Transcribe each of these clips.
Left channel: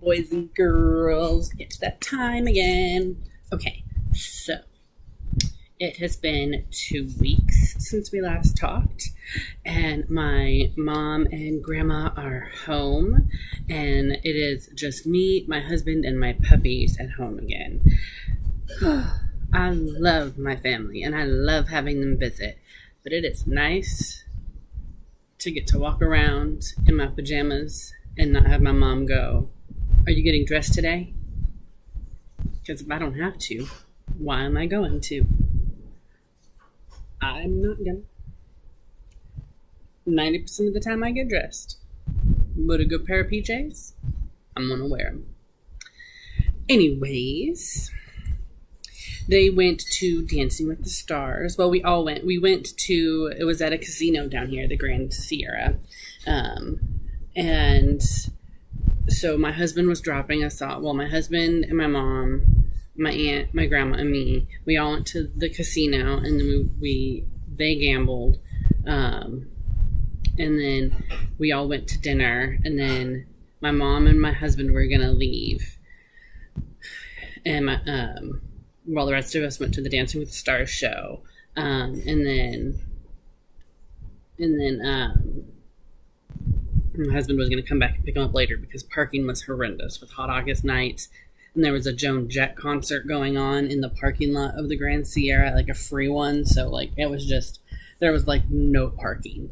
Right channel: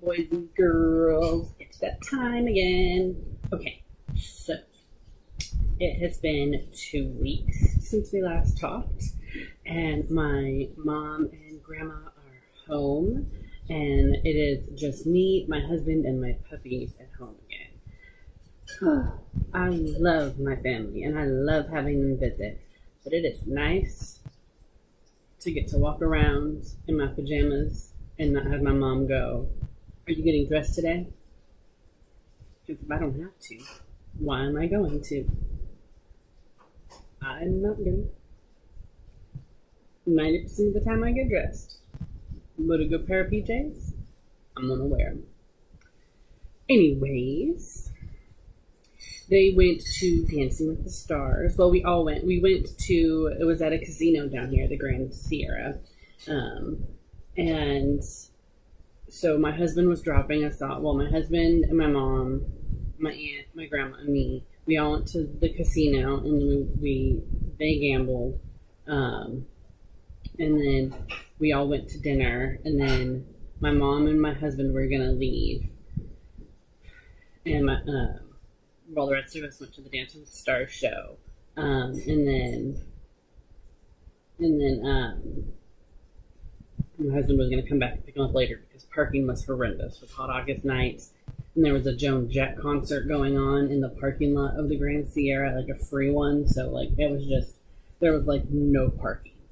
boys and girls. It's that time again. Okay, so it has been 2 weeks since we last talked, and my mom and grandma are home, and it is just me, my husband, and my puppies at home again. I love my family, and I love having them visit, but it is nice to get to walk around in my pajamas and not have my mom go, "Are you getting dressed today?" Because if I don't have to, why am I going to? I'm not gonna. 90% of the time I get dressed. But a good pair of PJs, I'm gonna wear them. Anyways, they went to Dancing with the Stars. Well, we all went. It was at a casino down here, the Grand Sierra. And so my husband was dropping us off. Well, my husband and my mom, my aunt, my grandma, and me, we all went to the casino, and then they gambled. And then we all went to dinner, and then my mom and my husband were going to leave. And the rest of us went to the Dancing with the Stars show. And then my husband was going to come back and pick him up later because parking was horrendous with hot August nights. And there was a Joan Jett concert going on in the parking lot of the Grand Sierra, like a free one. So there was no parking.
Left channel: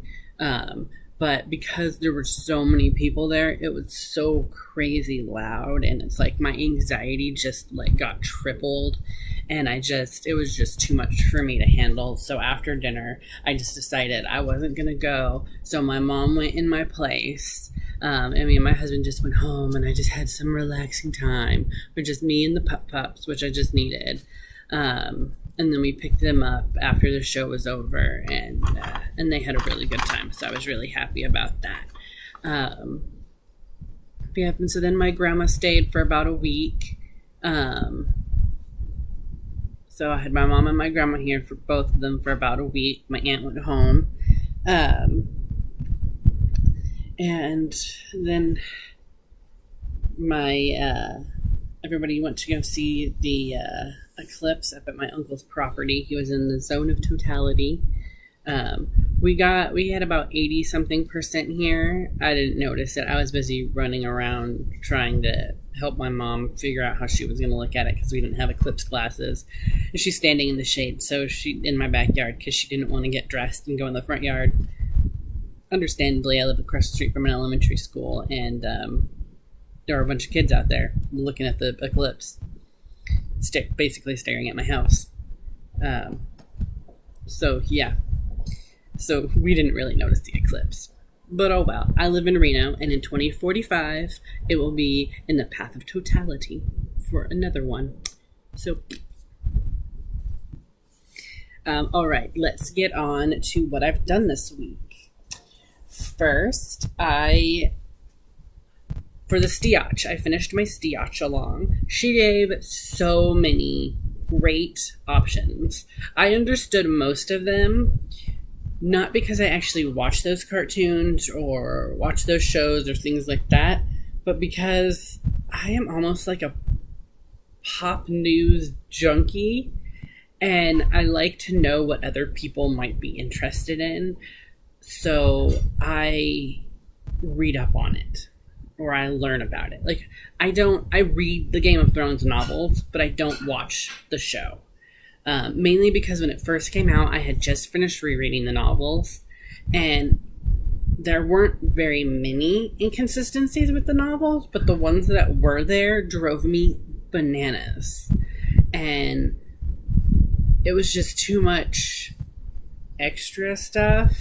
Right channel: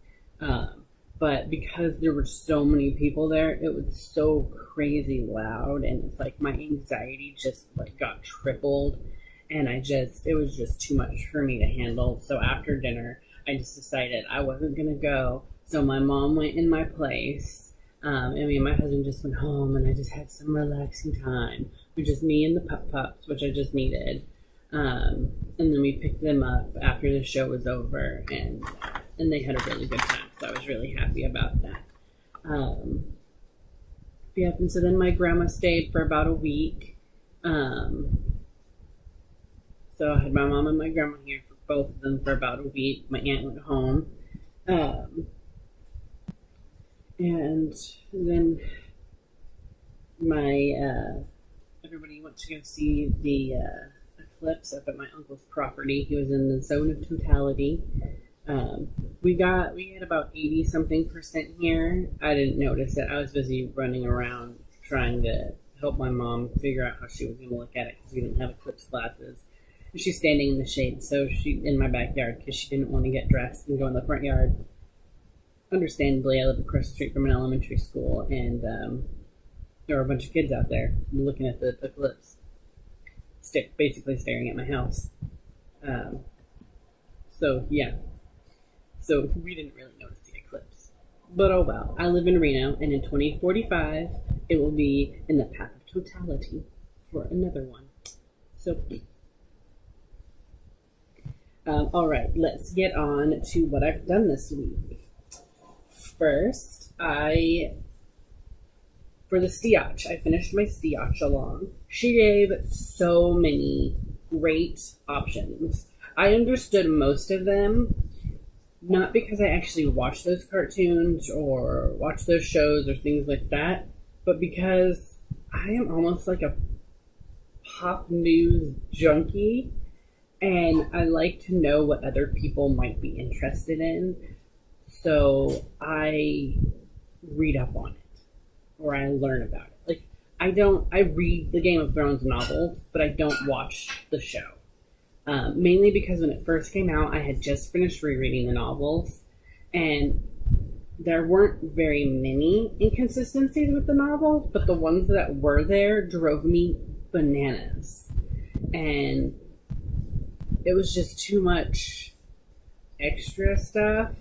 But because there were so many people there, it was so crazy loud, and it's like my anxiety just got tripled, and it was just too much for me to handle. So after dinner, I just decided I wasn't gonna go. So my mom went in my place. And me and my husband just went home, and I just had some relaxing time with just me and the pups, which I just needed. And then we picked them up after the show was over, and they had a really good time. So I was really happy about that. And so then my grandma stayed for about a week. So I had my mom and my grandma here for both of them for about a week. My aunt went home. And then everybody went to go see the eclipse up at my uncle's property. He was in the zone of totality. We had about 80-something% here. I didn't notice it. I was busy running around trying to help my mom figure out how she was going to look at it because we didn't have eclipse glasses. And she's standing in the shade, in my backyard, because she didn't want to get dressed and go in the front yard. Understandably, I live across the street from an elementary school, and there were a bunch of kids out there looking at the eclipse, basically staring at my house. So we didn't really notice the eclipse. But oh well, I live in Reno, and in 2045, it will be in the path of totality for another one. So, all right, let's get on to what I've done this week. First, for the Stiach, I finished my Stiach along. She gave so many great options. I understood most of them, not because I actually watched those cartoons or watched those shows or things like that, but because I am almost like a pop news junkie, and I like to know what other people might be interested in. So I read up on it, or I learn about it. I read the Game of Thrones novels, but I don't watch the show. Mainly because when it first came out, I had just finished rereading the novels, and there weren't very many inconsistencies with the novels, but the ones that were there drove me bananas. And it was just too much extra stuff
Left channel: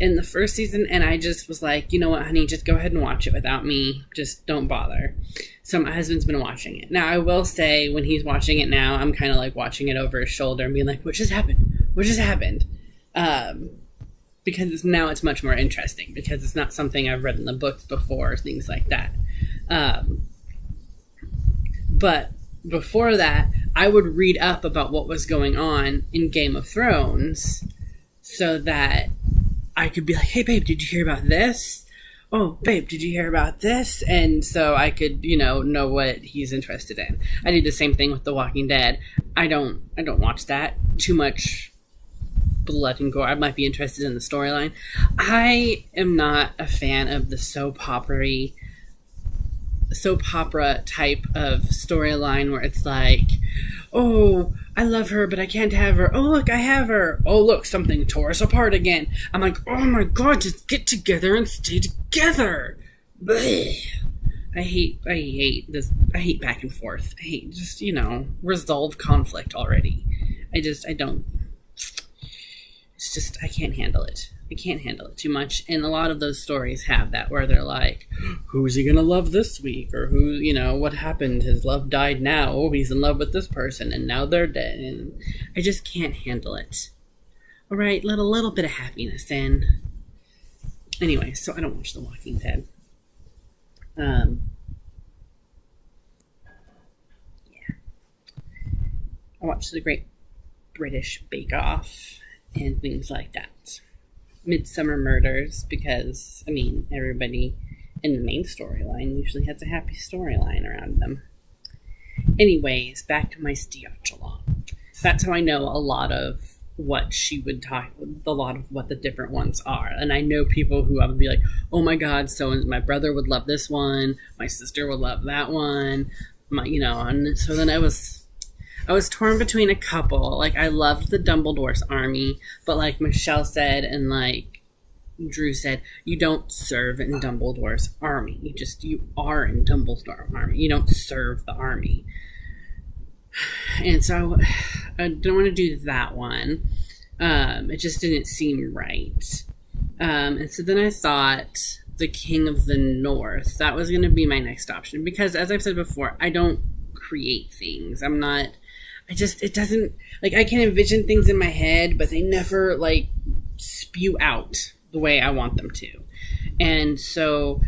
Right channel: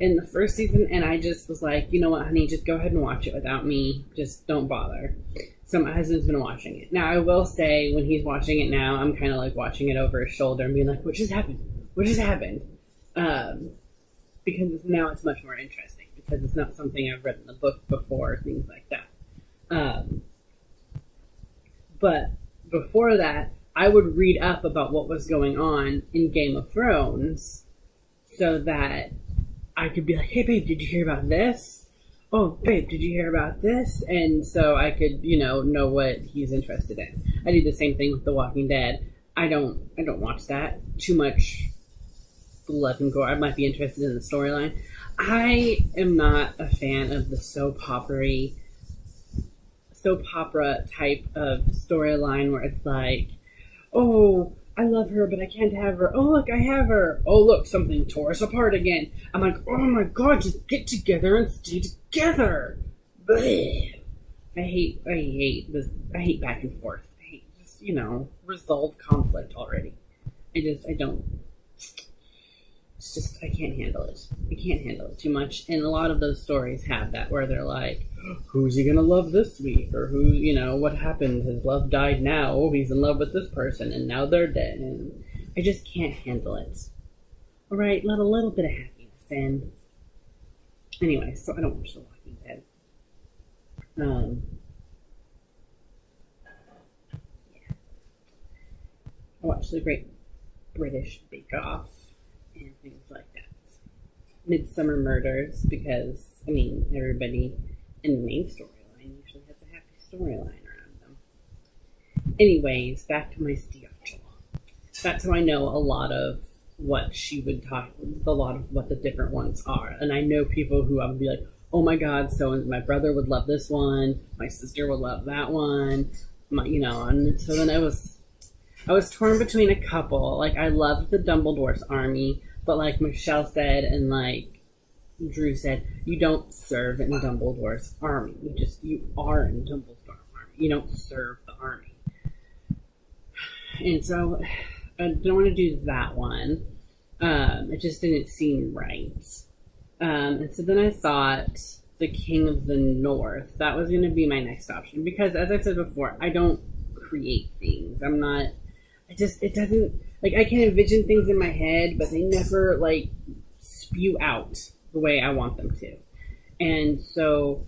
in the first season, and I just was like, you know what, honey, just go ahead and watch it without me. Just don't bother. So my husband's been watching it. Now, I will say, when he's watching it now, I'm kind of watching it over his shoulder and being like, what just happened? What just happened? Because now it's much more interesting, because it's not something I've read in the books before, things like that. But before that, I would read up about what was going on in Game of Thrones so that I could be like, hey, babe, did you hear about this? oh, babe, did you hear about this? And so I could, know what he's interested in. I do the same thing with The Walking Dead. I don't watch that. Too much blood and gore. I might be interested in the storyline. I am not a fan of the soap opera type of storyline where it's like, oh, I love her, but I can't have her. Oh, look, I have her. Oh, look, something tore us apart again. I'm like, oh my God, just get together and stay together. Blech. I hate this. I hate back and forth. I hate just, resolve conflict already. I don't. It's just, I can't handle it. I can't handle it too much. And a lot of those stories have that where they're like, who's he going to love this week? Or who, what happened? His love died now. Oh, he's in love with this person and now they're dead. And I just can't handle it. All right, let a little bit of happiness in. Anyway, so I don't watch The Walking Dead. Yeah. I watch The Great British Bake Off and things like that. Midsummer Murders, because, everybody in the main storyline usually has a happy storyline around them. Anyways, back to my Stiachala. That's how I know a lot of what she would talk, a lot of what the different ones are. And I know people who I would be like, oh my God, so my brother would love this one, my sister would love that one, and so then I was torn between a couple. Like, I loved the Dumbledore's army, but like Michelle said and like Drew said, you don't serve in Dumbledore's army. You are in Dumbledore's army. You don't serve the army. And so I don't want to do that one. It just didn't seem right. And so then I thought the King of the North. That was going to be my next option. Because as I've said before, I don't create things. It doesn't, like, I can envision things in my head, but they never, like, spew out the way I want them to. And so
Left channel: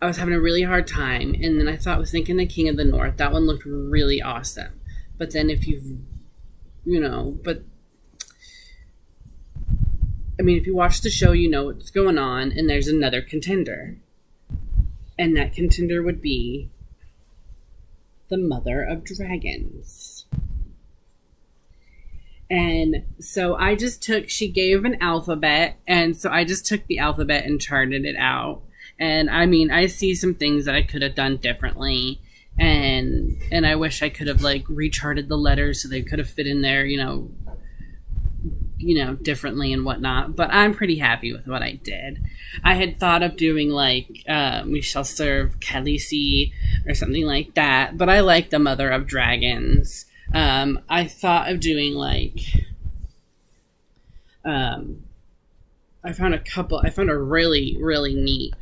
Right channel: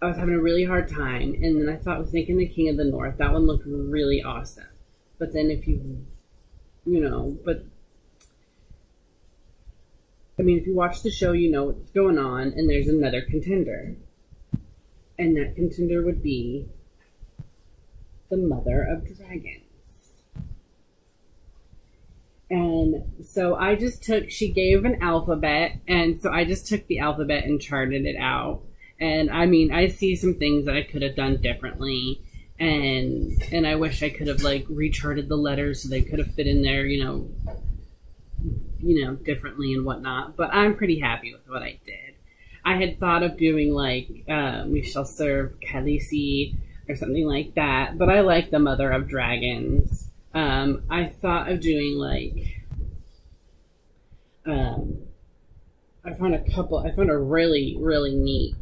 I was having a really hard time, and then I was thinking the King of the North. That one looked really awesome. But then if if you watch the show, you know what's going on, and there's another contender. And that contender would be the Mother of Dragons. And so she gave an alphabet, and so I just took the alphabet and charted it out. And I see some things that I could have done differently, and I wish I could have like recharted the letters so they could have fit in there, differently and whatnot. But I'm pretty happy with what I did. I had thought of doing like we shall serve Khaleesi or something like that, but I like the Mother of Dragons. I thought of doing like, I found a really, really neat,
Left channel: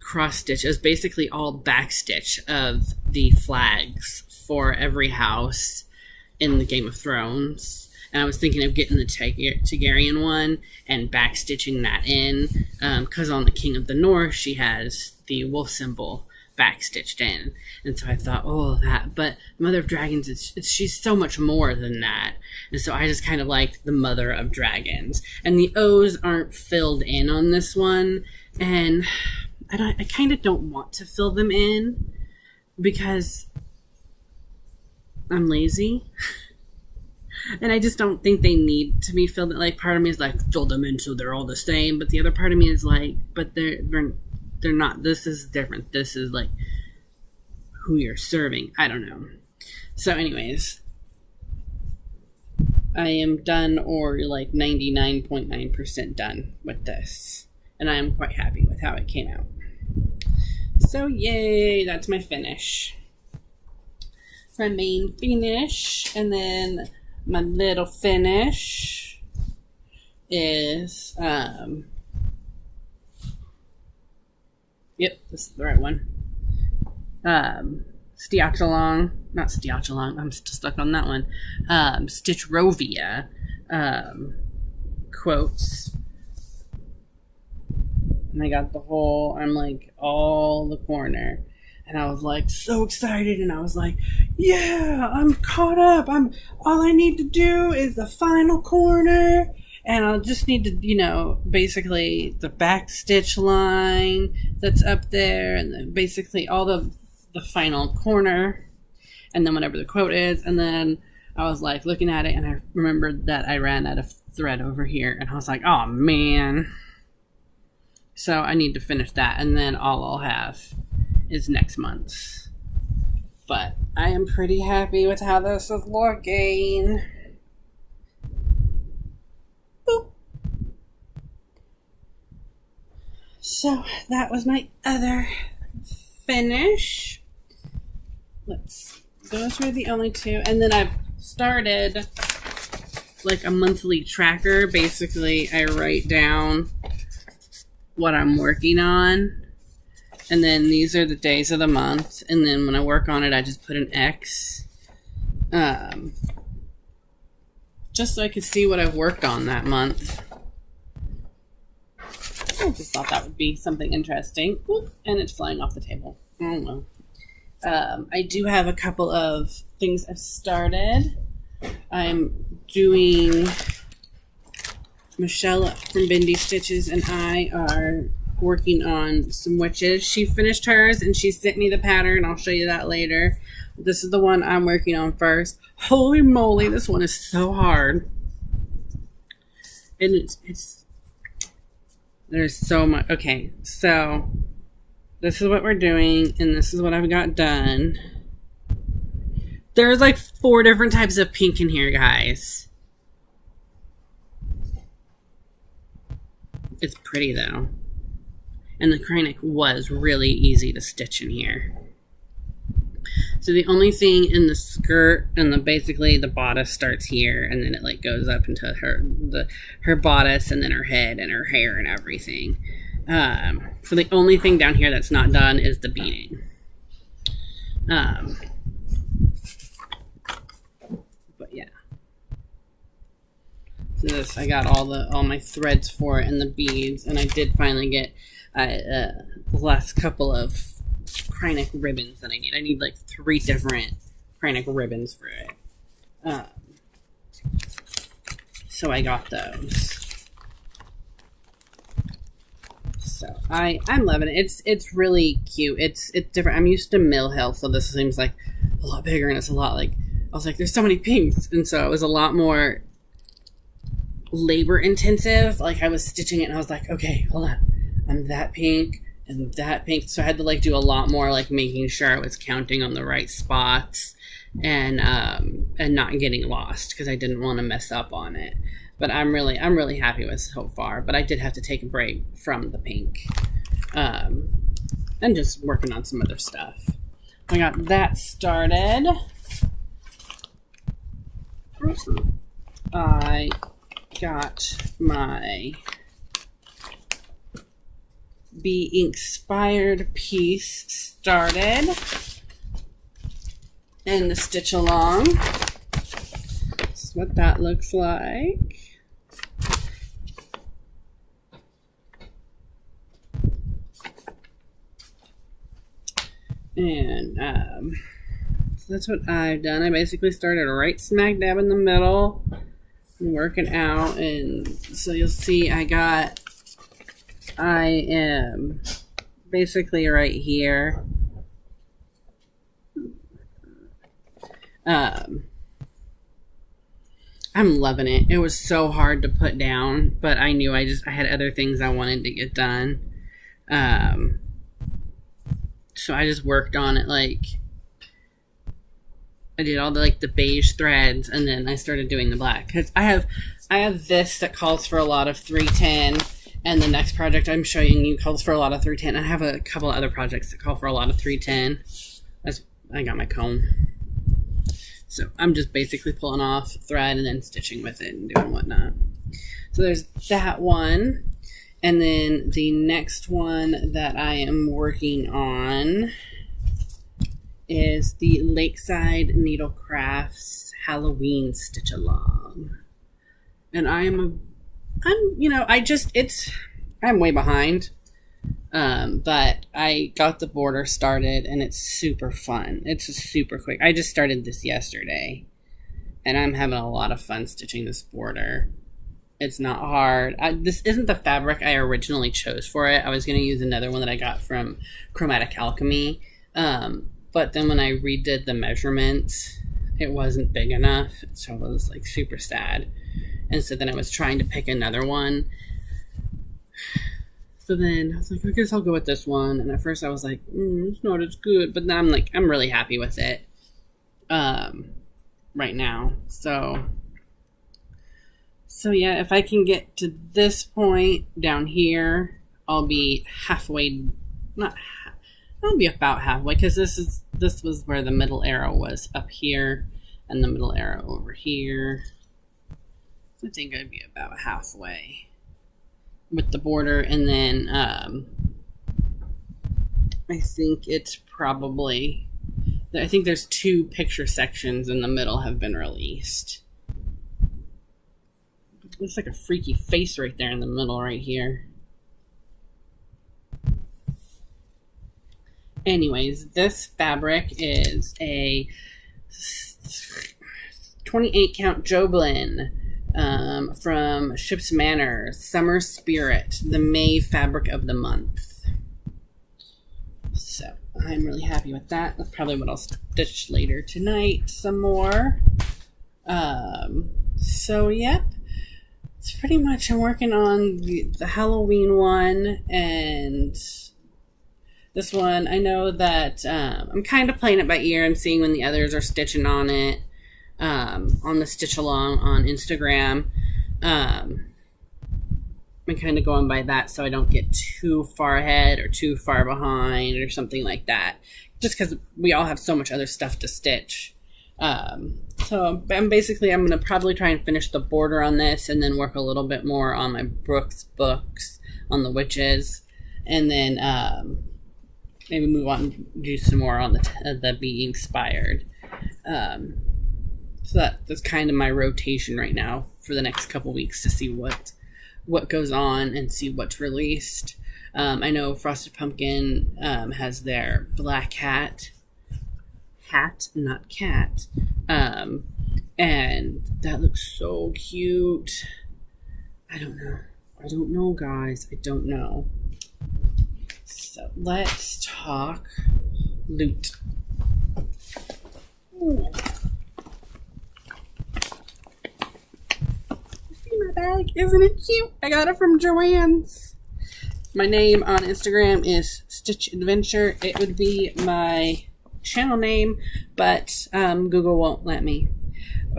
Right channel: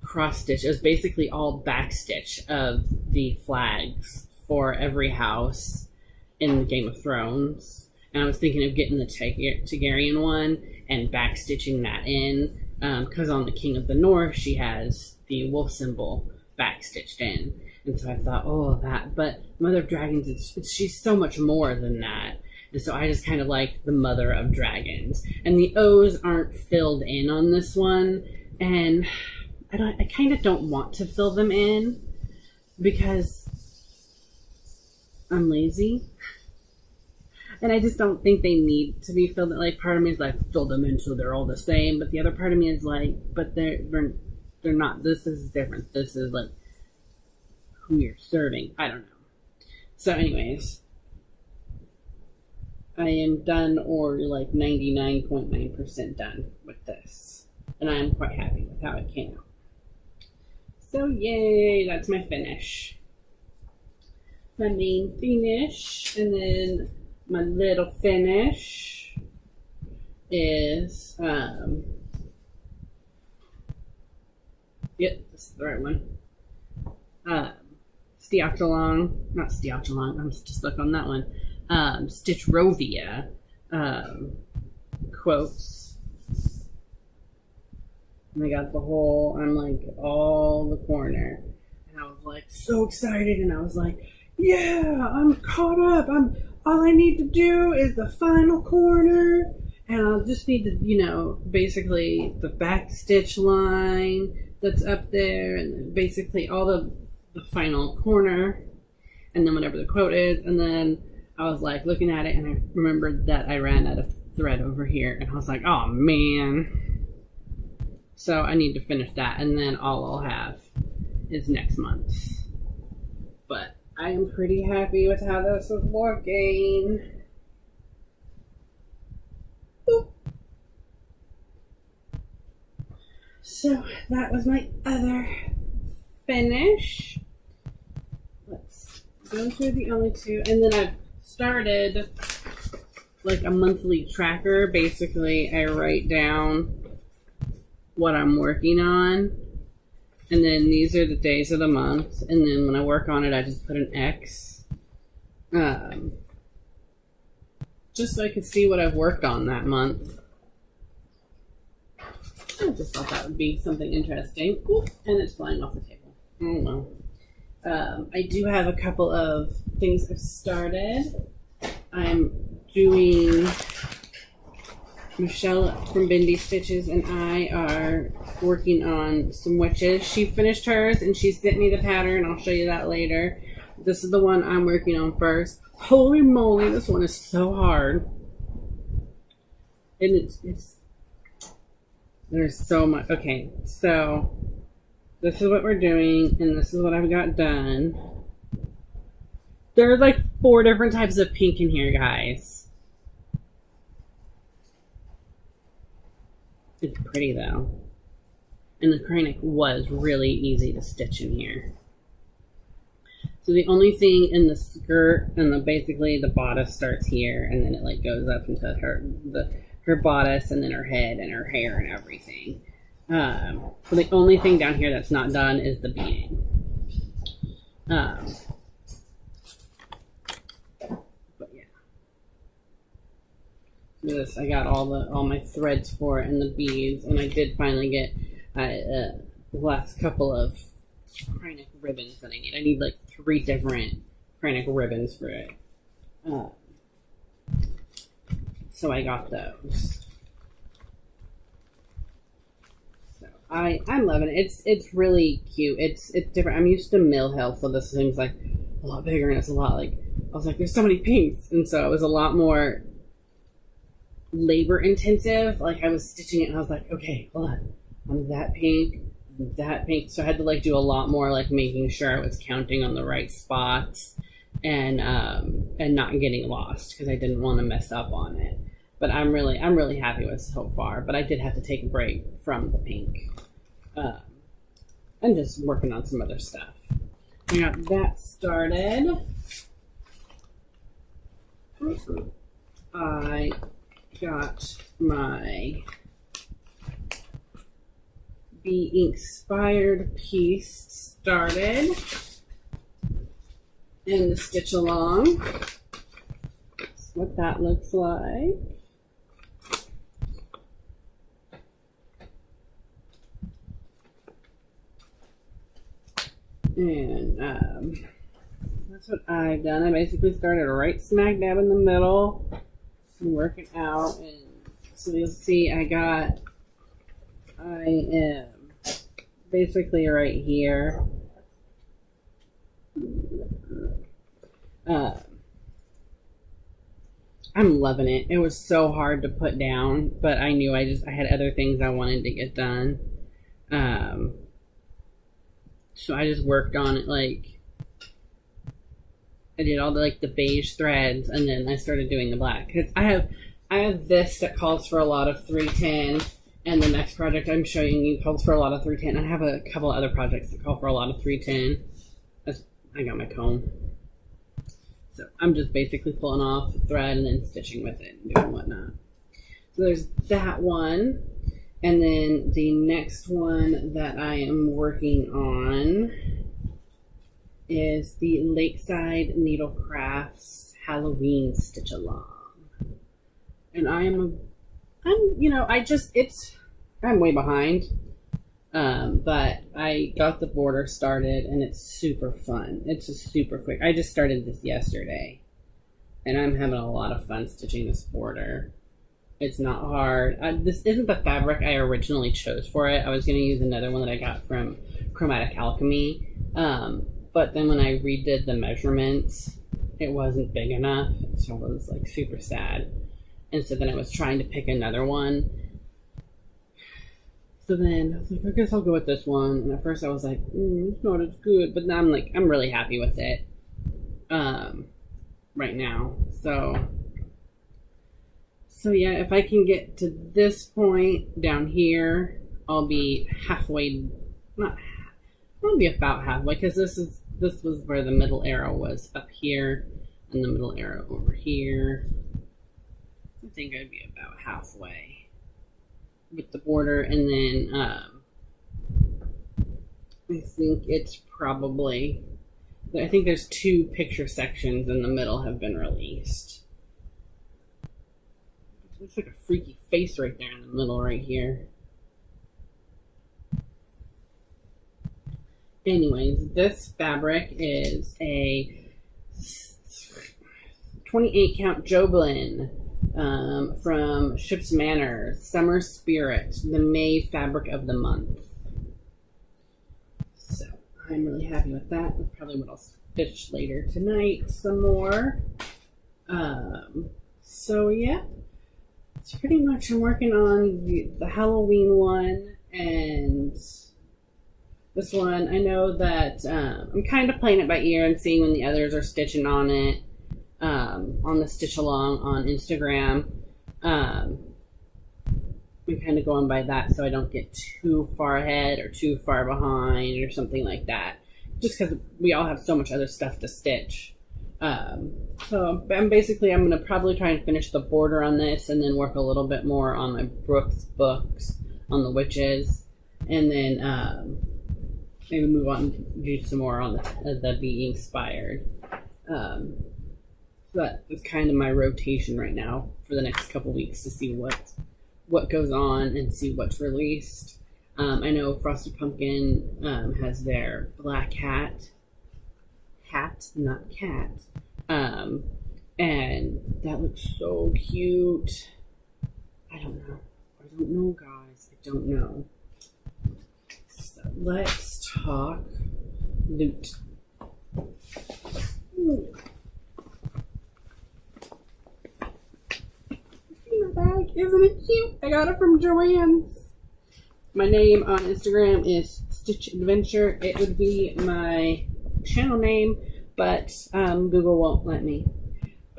cross stitch. It was basically all backstitch of the flags for every house in the Game of Thrones. And I was thinking of getting the Targaryen one and backstitching that in, because on the King of the North, she has the wolf symbol backstitched in. And so I thought, but Mother of Dragons, she's so much more than that. And so I just kind of liked the Mother of Dragons. And the O's aren't filled in on this one. And I kind of don't want to fill them in because I'm lazy. And I just don't think they need to be filled in. Like, part of me is like, fill them in so they're all the same. But the other part of me is like, but they're not. This is different. This is like who you're serving. I don't know. So anyways, I am done, or like 99.9% done with this. And I am quite happy with how it came out. So yay, that's my finish. My main finish. And then my little finish is, yep, this is the right one. Stiachalong, not Stiachalong, I'm still stuck on that one. Stitchrovia, quotes. And I got I'm like all the corner. And I was like so excited, and I was like, yeah, I'm caught up. All I need to do is the final corner, And I'll just need to, basically the back stitch line that's up there, and then basically all the final corner, and then whatever the quote is. And then I was like looking at it, and I remembered that I ran out of thread over here, and I was like, oh man. So I need to finish that, and then all I'll have is next month's. But I am pretty happy with how this is looking. Boop. So that was my other finish. Those were the only two. And then I've started like a monthly tracker. Basically, I write down what I'm working on. And then these are the days of the month. And then when I work on it, I just put an X. Just so I could see what I've worked on that month. I just thought that would be something interesting. Oop, and it's flying off the table. Oh well. I do have a couple of things I've started. I'm doing... Michelle from Bindi Stitches and I are working on some witches. She finished hers and she sent me the pattern. I'll show you that later. This is the one I'm working on first. Holy moly, this one is so hard. And there's so much. Okay, so this is what we're doing and this is what I've got done. There's like 4 different types of pink in here, guys. It's pretty though. And the Kreinik was really easy to stitch in here. So the only thing in the skirt and basically the bodice starts here and then it like goes up into her bodice and then her head and her hair and everything. So the only thing down here that's not done is the beading. But yeah. This I got all my threads for it and the beads, and I did finally get the last couple of Kreinik ribbons that I need. I need like 3 different Kreinik ribbons for it. So I got those. So I'm loving it. It's really cute. It's different. I'm used to Mill Hill, so this seems like a lot bigger, and it's a lot like I was like, there's so many pinks, and so it was a lot more labor intensive. Like I was stitching it and I was like, okay, hold on, I'm that pink and that pink, so I had to like do a lot more like making sure I was counting on the right spots and not getting lost because I didn't want to mess up on it. But I'm really happy with so far. But I did have to take a break from the pink and just working on some other stuff. I got that started. I got my Be Inspired piece started and the stitch along. This is what that looks like. And so that's what I've done. I basically started right smack dab in the middle, working out, and so you'll see I am basically right here. I'm loving it. It was so hard to put down, but I knew I had other things I wanted to get done. So I just worked on it. Like I did all the beige threads, and then I started doing the black because I have this that calls for a lot of 310, and the next project I'm showing you calls for a lot of 310. I have a couple of other projects that call for a lot of 310. I got my comb, so I'm just basically pulling off thread and then stitching with it and doing whatnot. So there's that one. And then the next one that I am working on is the Lakeside Needle Crafts Halloween Stitch Along. And I'm way behind. But I got the border started and it's super fun. It's super quick. I just started this yesterday and I'm having a lot of fun stitching this border. It's not hard. This isn't the fabric I originally chose for it. I was going to use another one that I got from Chromatic Alchemy. But then when I redid the measurements, it wasn't big enough. So I was like super sad. And so then I was trying to pick another one. So then I was like, I guess I'll go with this one. And at first I was like, it's not as good. But then I'm like, I'm really happy with it right now. So yeah, if I can get to this point down here, I'll be halfway, I'll be about halfway, because this was where the middle arrow was, up here, and the middle arrow over here. I think I'd be about halfway with the border, and then I think it's probably, I think there's 2 picture sections in the middle have been released. Looks like a freaky face right there in the middle right here. Anyways, this fabric is a 28 count Joblin from Ships Manners, Summer Spirit, the May fabric of the month. So I'm really happy with that. That's probably what I'll stitch later tonight some more. So yep. It's pretty much, I'm working on the Halloween one, and this one, I know that I'm kind of playing it by ear and seeing when the others are stitching on it, on the stitch along on Instagram. I'm kind of going by that so I don't get too far ahead or too far behind or something like that, just because we all have so much other stuff to stitch. So I'm going to probably try and finish the border on this, and then work a little bit more on my Brooks books on the witches, and then maybe move on and do some more on the Be Inspired. So that's kind of my rotation right now for the next couple weeks, to see what goes on and see what's released. I know Frosted Pumpkin has their black hat, not cat, and that looks so cute. I don't know guys, I don't know. So let's talk loot. Ooh. See my bag? Isn't it cute? I got it from Joann's. My name on Instagram is Stitch Adventure. It would be my channel name, but Google won't let me.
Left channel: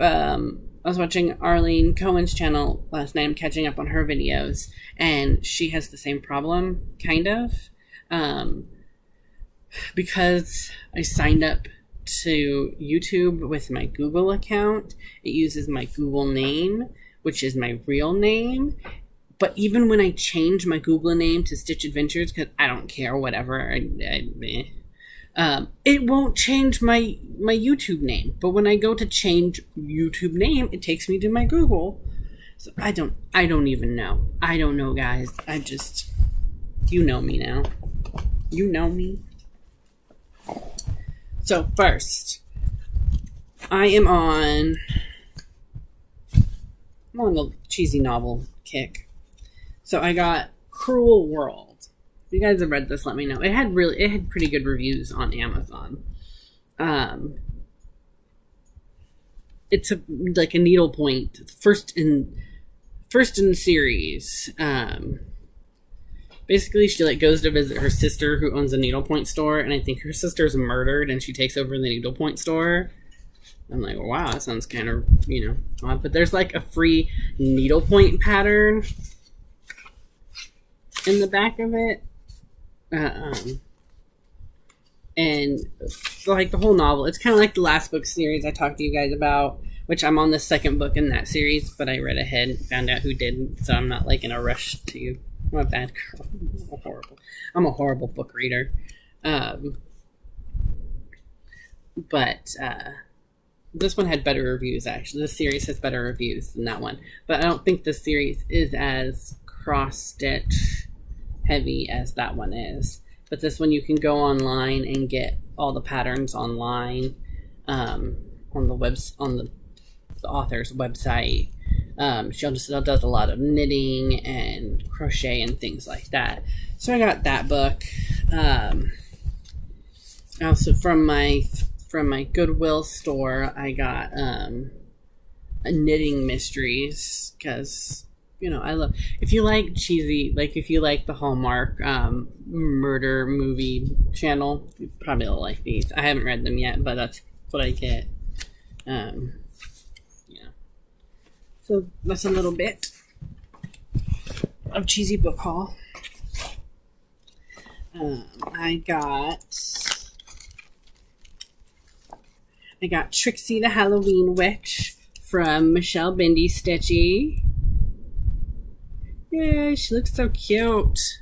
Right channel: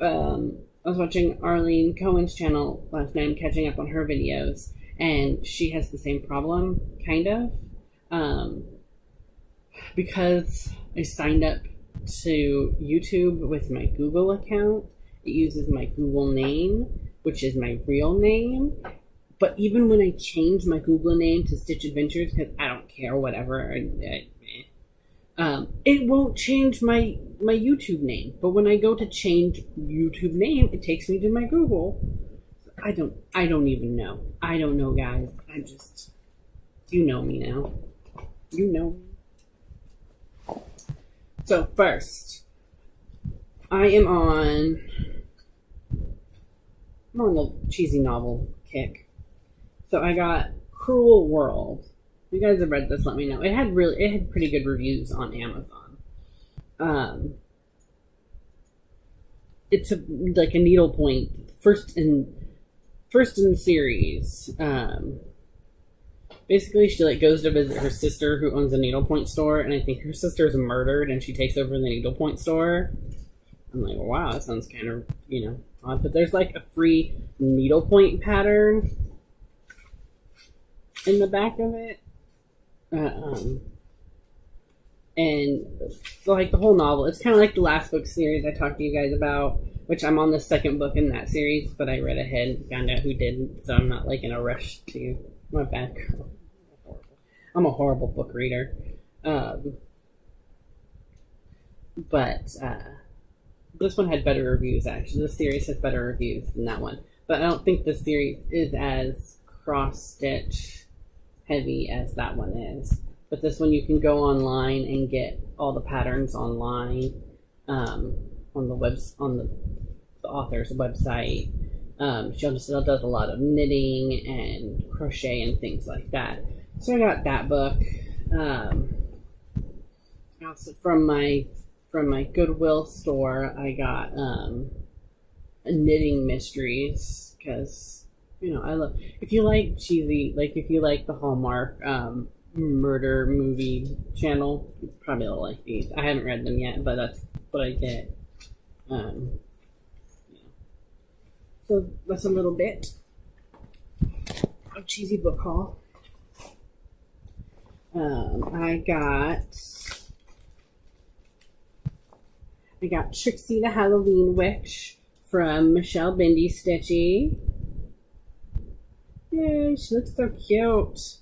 I was watching Arlene Cohen's channel last night. I'm catching up on her videos, and she has the same problem, kind of, because I signed up to YouTube with my Google account. It uses my Google name, which is my real name. But even when I change my Google name to Stitch Adventures, because I don't care, whatever, it won't change my YouTube name. But when I go to change YouTube name, it takes me to my Google. So I don't even know. I don't know, guys. You know me now. You know me. So first, I'm on the cheesy novel kick. So I got Cruel World. If you guys have read this, let me know. It had pretty good reviews on Amazon. It's like a needlepoint, first in the series. Basically, she goes to visit her sister who owns a needlepoint store, and I think her sister's murdered, and she takes over the needlepoint store. I'm like, wow, that sounds kind of odd. But there's a free needlepoint pattern in the back of it. And the whole novel, it's kind of like the last book series I talked to you guys about, which I'm on the second book in that series, but I read ahead and found out who didn't, so I'm not in a rush to. I'm a bad girl. I'm a horrible book reader. But this one had better reviews, actually. This series has better reviews than that one, but I don't think this series is as cross stitch heavy as that one is. But this one, you can go online and get all the patterns online, on the author's website. She also does a lot of knitting and crochet and things like that. So I got that book. Also from my Goodwill store, I got knitting mysteries, because I love, if you like cheesy, like if you like the Hallmark murder movie channel, you probably will like these. I haven't read them yet, but that's what I get. Yeah. So that's a little bit of cheesy book haul. I got Trixie the Halloween Witch from Michelle Bindi Stitchy. Yay, she looks so cute.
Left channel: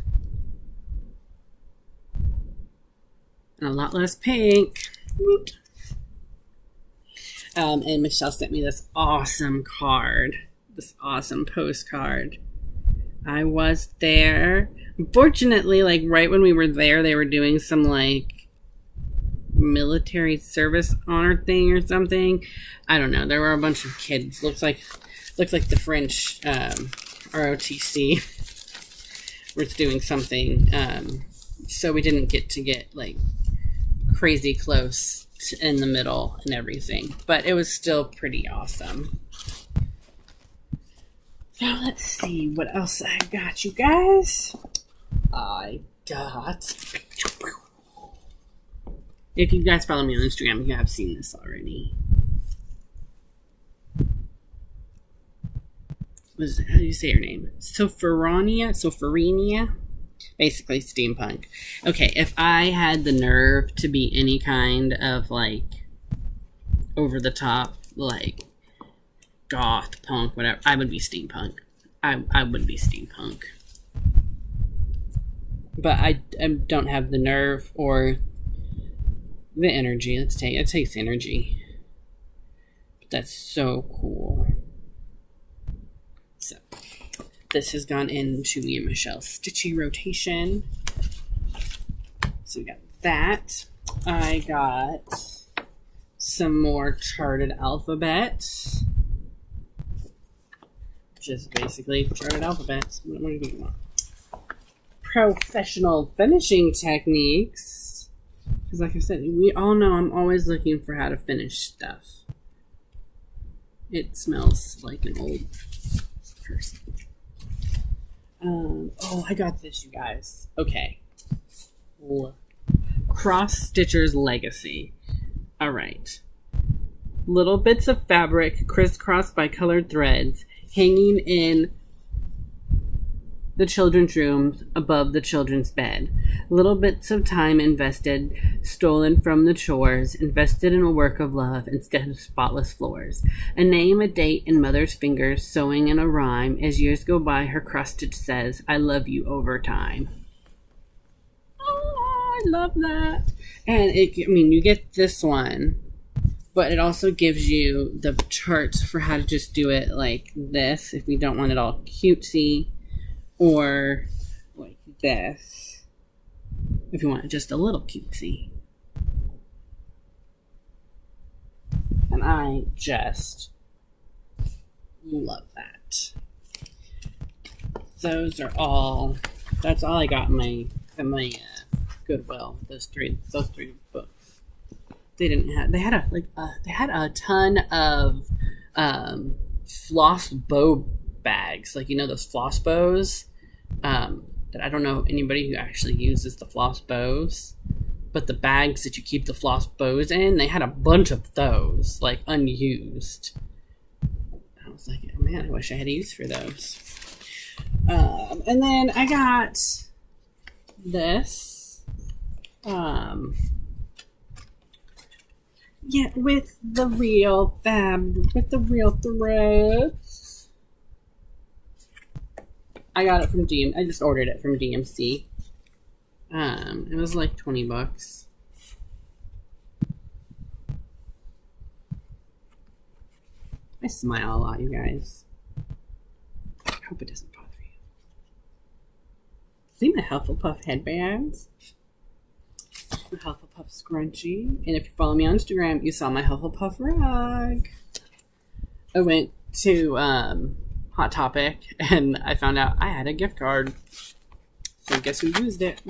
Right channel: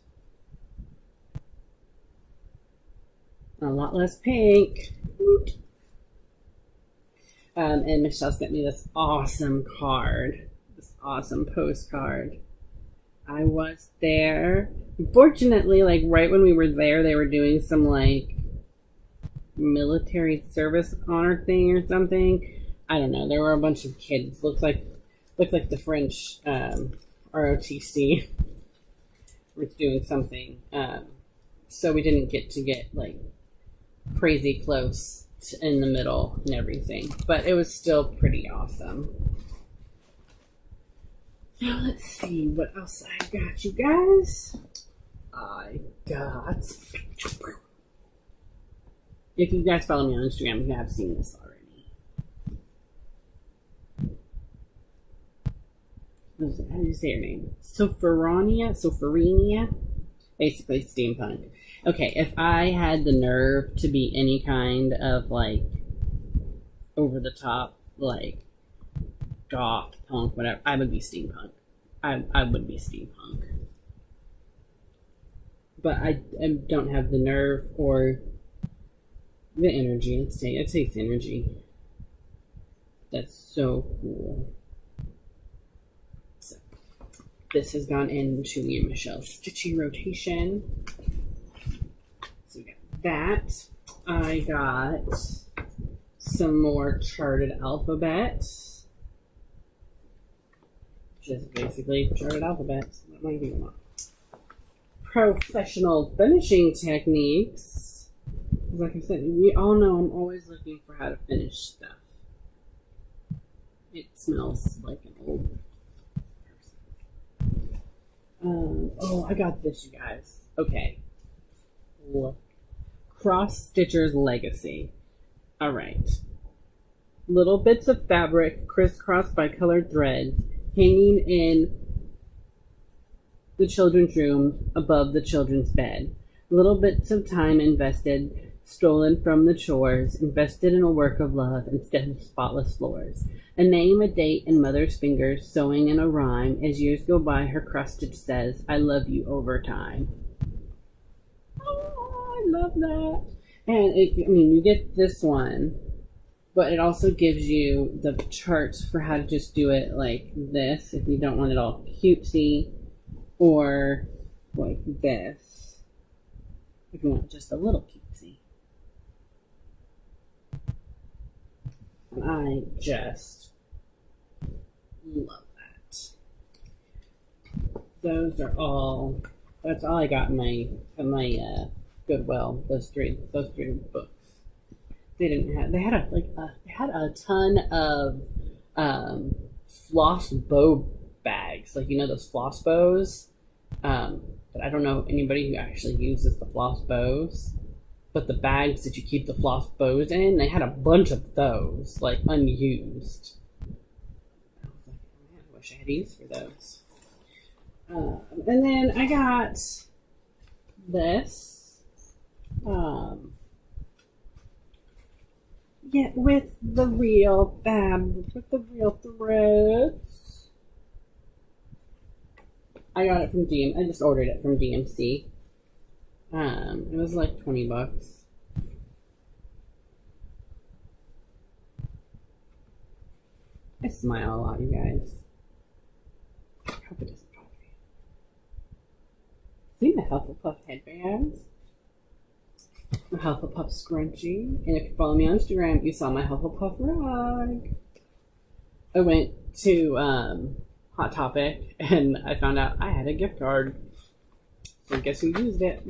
And a lot less pink. Whoop. And Michelle sent me this awesome card, this awesome postcard. I was there. Unfortunately, like right when we were there, they were doing some like military service honor thing or something. I don't know. There were a bunch of kids. Looks like the French ROTC was doing something. So we didn't get like crazy close in the middle and everything, but it was still pretty awesome. Now let's see what else I got, you guys. If you guys follow me on Instagram, you have seen this already. How do you say her name? Sophronia? Basically steampunk. Okay, if I had the nerve to be any kind of like over the top, like goth, punk, whatever, I would be steampunk. I would be steampunk. But I don't have the nerve or the energy. It takes energy. But that's so cool. So this has gone into me and Michelle's Stitchy rotation. So we got that. I got some more charted alphabets, which is basically charted alphabets. What do you want? Professional finishing techniques. Because like I said, we all know I'm always looking for how to finish stuff. It smells like an old person. I got this, you guys. Okay. Cross Stitcher's Legacy. Alright. Little bits of fabric crisscrossed by colored threads hanging in the children's rooms above the children's bed. Little bits of time invested, stolen from the chores, invested in a work of love instead of spotless floors. A name, a date, and mother's fingers sewing in a rhyme. As years go by, her cross-stitch says, I love you over time. Oh, I love that. And you get this one, but it also gives you the charts for how to just do it like this if we don't want it all cutesy, or like this if you want it just a little cutesy. And I just love that. That's all I got in my Goodwill. Those three books. They had a ton of floss bow bags, like those floss bows. That I don't know anybody who actually uses the floss bows, but the bags that you keep the floss bows in, they had a bunch of those, like unused. I was like, oh man, I wish I had use for those. And then I got this. With the real fabric, with the real threads. I got it from I just ordered it from DMC. It was like $20. I smile a lot, you guys. I hope it doesn't bother you. See my Hufflepuff headbands? My Hufflepuff scrunchie. And if you follow me on Instagram, you saw my Hufflepuff rug. I went to Hot Topic and I found out I had a gift card. So guess who used it?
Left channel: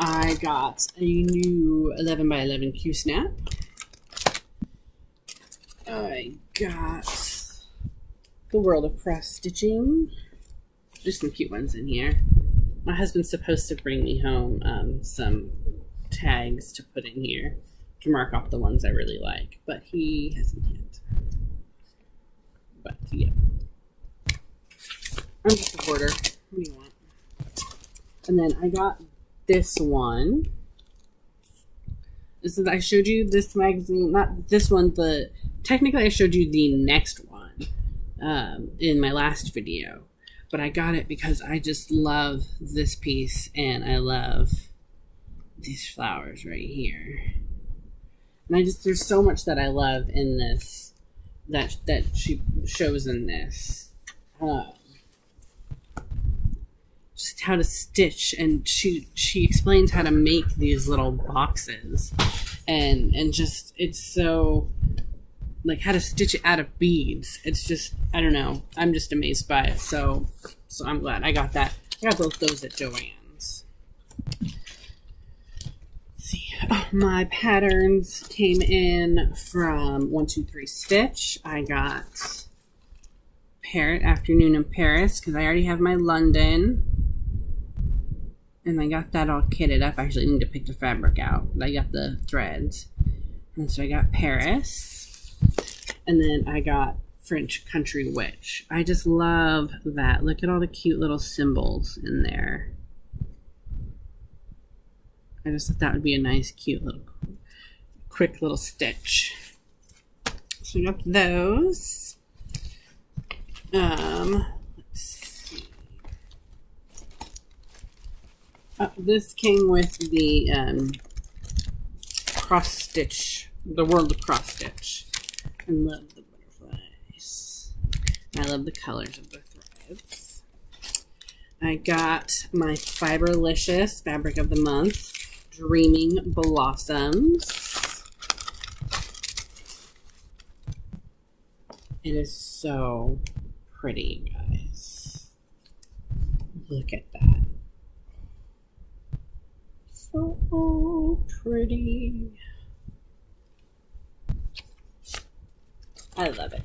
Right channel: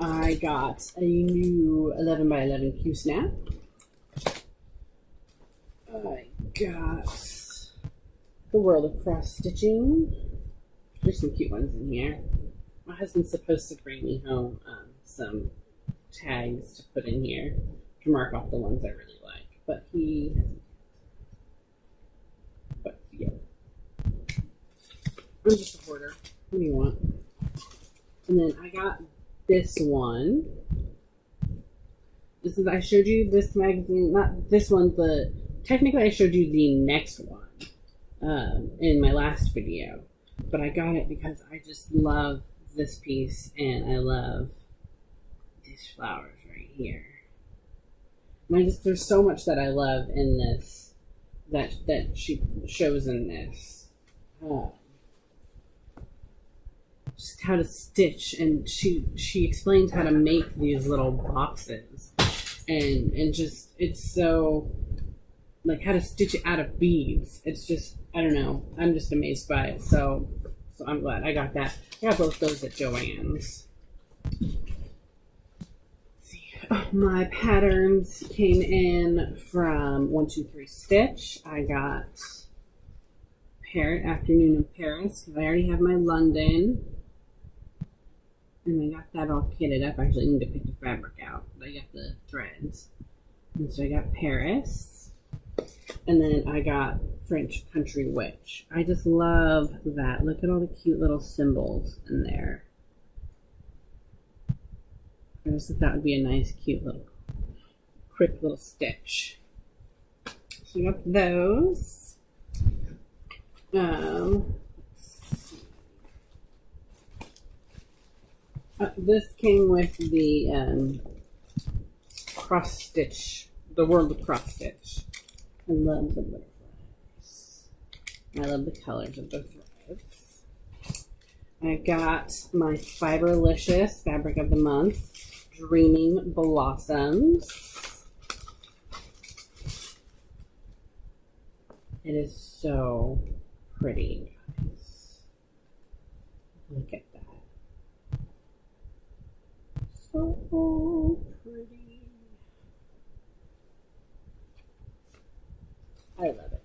I got a new 11 by 11 Q snap. I got the World of Cross Stitching. There's some cute ones in here. My husband's supposed to bring me home some tags to put in here to mark off the ones I really like, but he hasn't yet. But yeah, I'm just a hoarder. What do you want? And then I got this one. This is, I showed you this magazine, not this one, but technically I showed you the next one in my last video. But I got it because I just love this piece and I love these flowers right here. And there's so much that I love in this that she shows in this. Just how to stitch, and she explains how to make these little boxes, and just, it's so, like, how to stitch it out of beads. It's just, I don't know, I'm just amazed by it. So I'm glad I got that. I got both those at Joann's. Let's see, my patterns came in from 123 Stitch. I got Afternoon in Paris because I already have my London. And I got that all kitted up. I actually need to pick the fabric out, but I got the threads. And so I got Paris. And then I got French Country Witch. I just love that. Look at all the cute little symbols in there. I just thought that would be a nice, cute little, quick little stitch. So I got those. This came with the cross stitch, the World of Cross Stitch. I love the butterflies. I love the colors of the threads. I got my Fiberlicious Fabric of the Month, Dreaming Blossoms. It is so pretty, guys. Look at that. So pretty. I love it.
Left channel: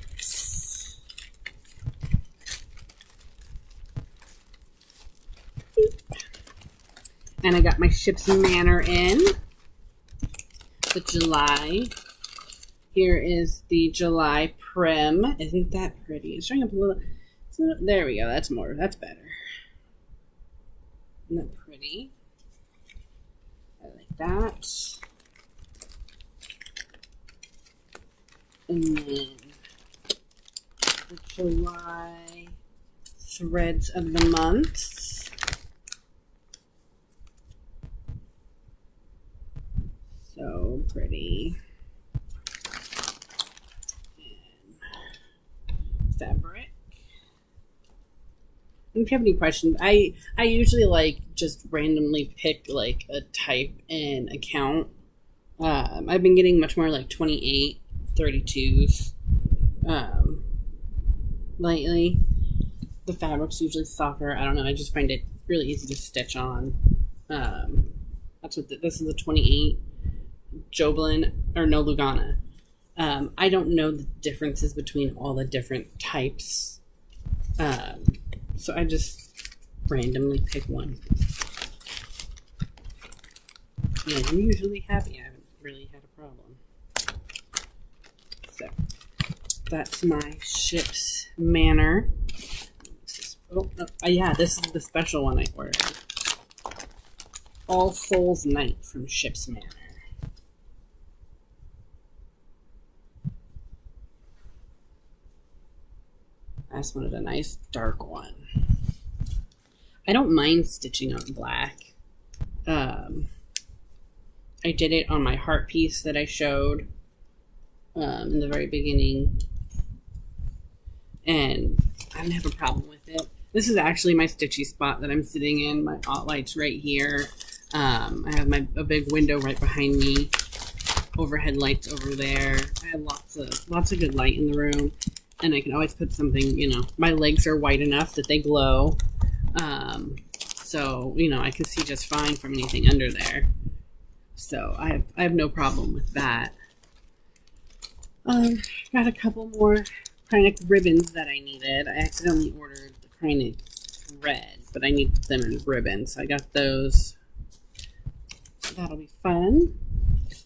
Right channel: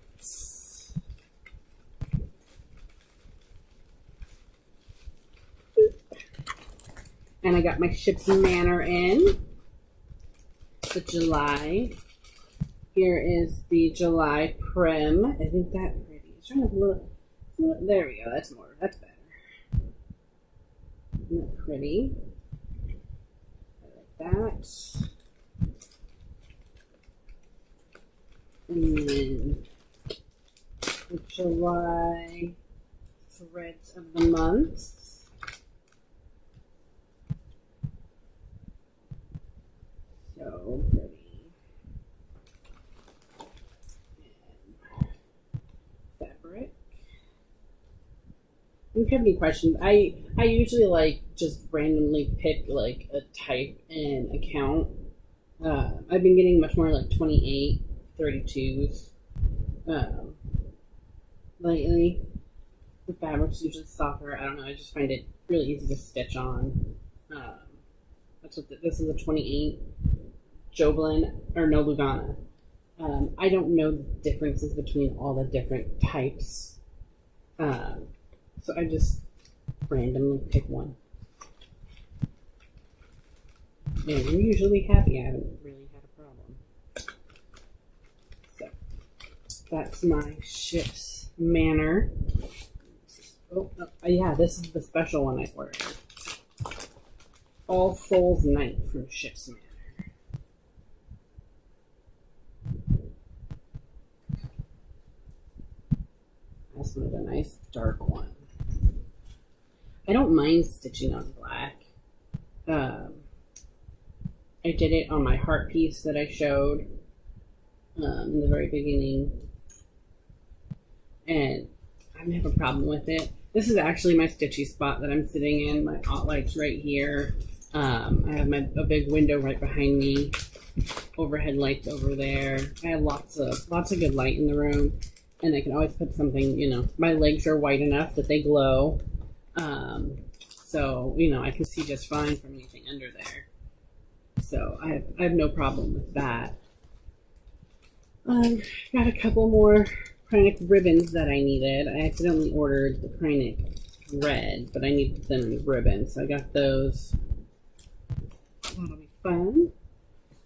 And I got my Ship's Manor in. The July. Here is the July Prim. Isn't that pretty? It's showing up a little. There we go. That's better. Isn't that pretty? That, and then the July Threads of the Month. So pretty. And fabric. If you have any questions, I usually like just randomly pick like a type and account. I've been getting much more like 28, 32s lately. The fabric's usually softer. I don't know. I just find it really easy to stitch on. That's what this is, a 28 Joblin or no Lugana. I don't know the differences between all the different types. So I just randomly pick one. And I'm usually happy. I haven't really had a problem. So that's my Ship's Manor. Yeah, this is the special one I ordered. All Souls Night from Ship's Manor. I just wanted a nice dark one. I don't mind stitching on black. I did it on my heart piece that I showed in the very beginning, and I didn't have a problem with it. This is actually my stitchy spot that I'm sitting in. My light's right here. I have a big window right behind me. overhead lights over there. I have lots of good light in the room, and I can always put something, you know, my legs are white enough that they glow. So, you know, I can see just fine from anything under there. So I have no problem with that. Got a couple more Kreinik ribbons that I needed. I accidentally ordered the Kreinik red, but I need them in ribbons. So I got those. That'll be fun.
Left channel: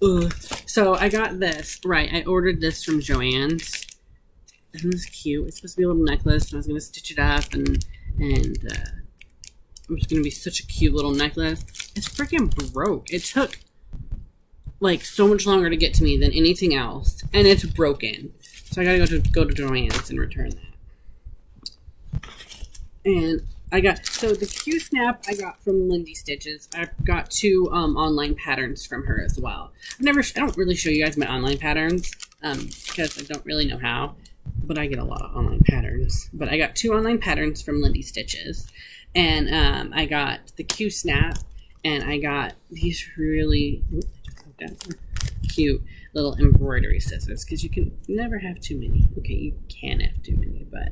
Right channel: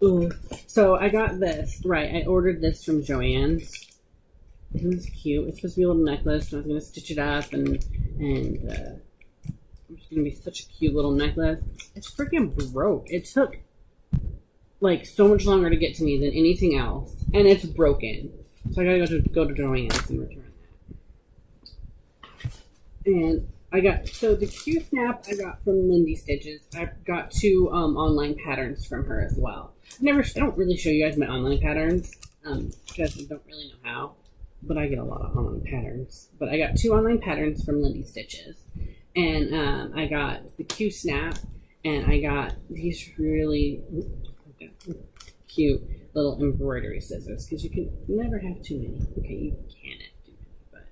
Ugh. So I got this. Right, I ordered this from Joann's. Isn't this cute? It's supposed to be a little necklace, and I was going to stitch it up, and it's going to be such a cute little necklace. It's freaking broke. It took like so much longer to get to me than anything else, and it's broken. So I gotta go to Joann's and return that. And I got, so the Q-snap I got from Lindy Stitches. I've got 2 online patterns from her as well. I don't really show you guys my online patterns because I don't really know how, but I get a lot of online patterns. But I got 2 online patterns from Lindy Stitches, and I got the Q-snap, and I got these really cute little embroidery scissors, because you can never have too many. Okay, you can have too many, but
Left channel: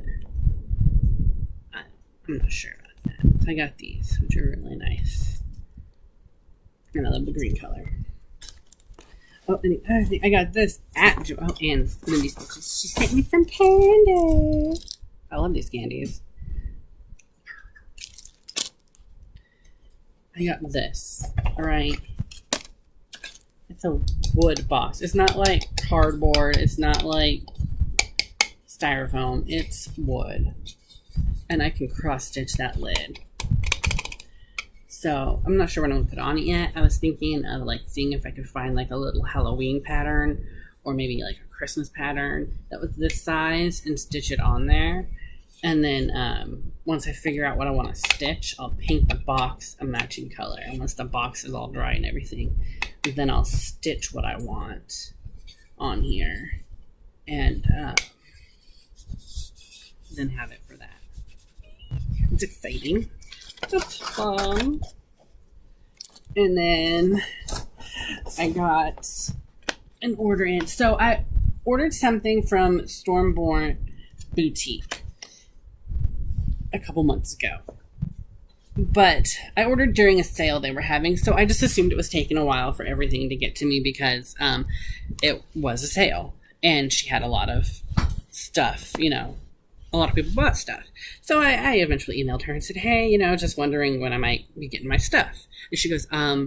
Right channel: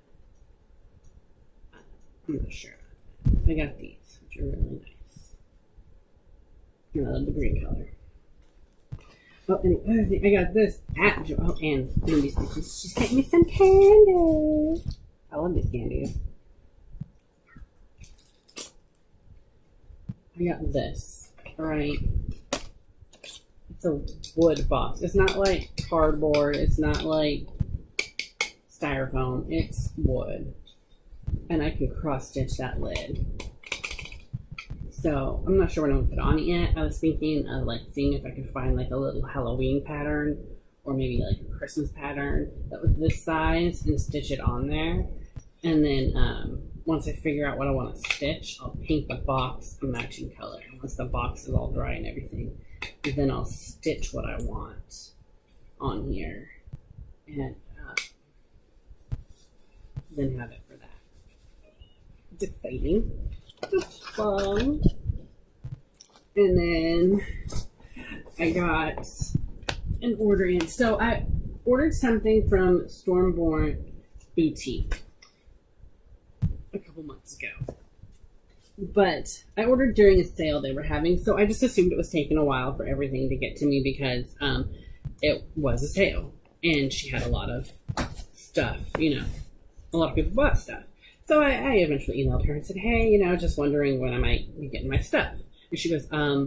I'm not sure about that. So I got these, which are really nice. And I love the green color. Oh, and the other thing, I got this at Joe and Lindy Stitches. She sent me some candy. I love these candies. I got this, alright. It's a wood box. It's not like cardboard. It's not like styrofoam. It's wood. And I can cross stitch that lid. So I'm not sure what I'm gonna put on it yet. I was thinking of like seeing if I could find like a little Halloween pattern, or maybe like a Christmas pattern that was this size, and stitch it on there. And then once I figure out what I want to stitch, I'll paint the box a matching color. And once the box is all dry and everything, then I'll stitch what I want on here, and then have it for that. It's exciting. It's fun. And then I got an order in. So I ordered something from Stormborn Boutique a couple months ago. But I ordered during a sale they were having, so I just assumed it was taking a while for everything to get to me because it was a sale. And she had a lot of stuff, you know. A lot of people bought stuff. So I eventually emailed her and said, hey, you know, just wondering when I might be getting my stuff. And she goes, I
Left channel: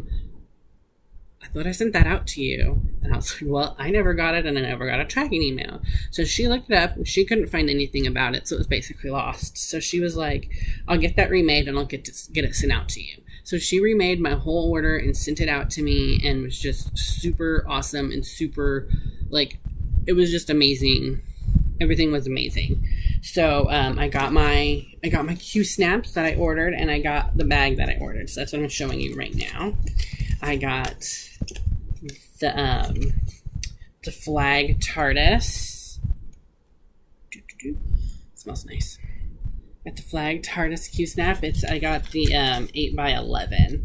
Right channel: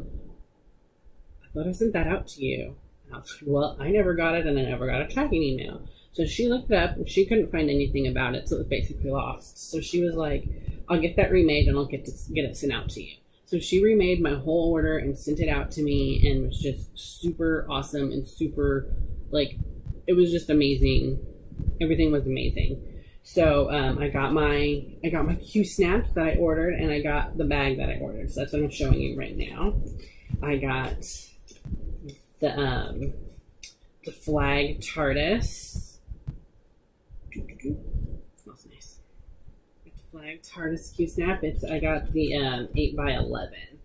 thought I sent that out to you. And I was like, well, I never got it, and I never got a tracking email. So she looked it up, and she couldn't find anything about it, so it was basically lost. So she was like, I'll get that remade, and I'll get it sent out to you. So she remade my whole order and sent it out to me, and was just super awesome and super, like, it was just amazing. Everything was amazing. So I got my Q snaps that I ordered, and I got the bag that I ordered. So that's what I'm showing you right now. I got the flag TARDIS. Smells nice. Got the flag TARDIS Q snap. I got the 8x11,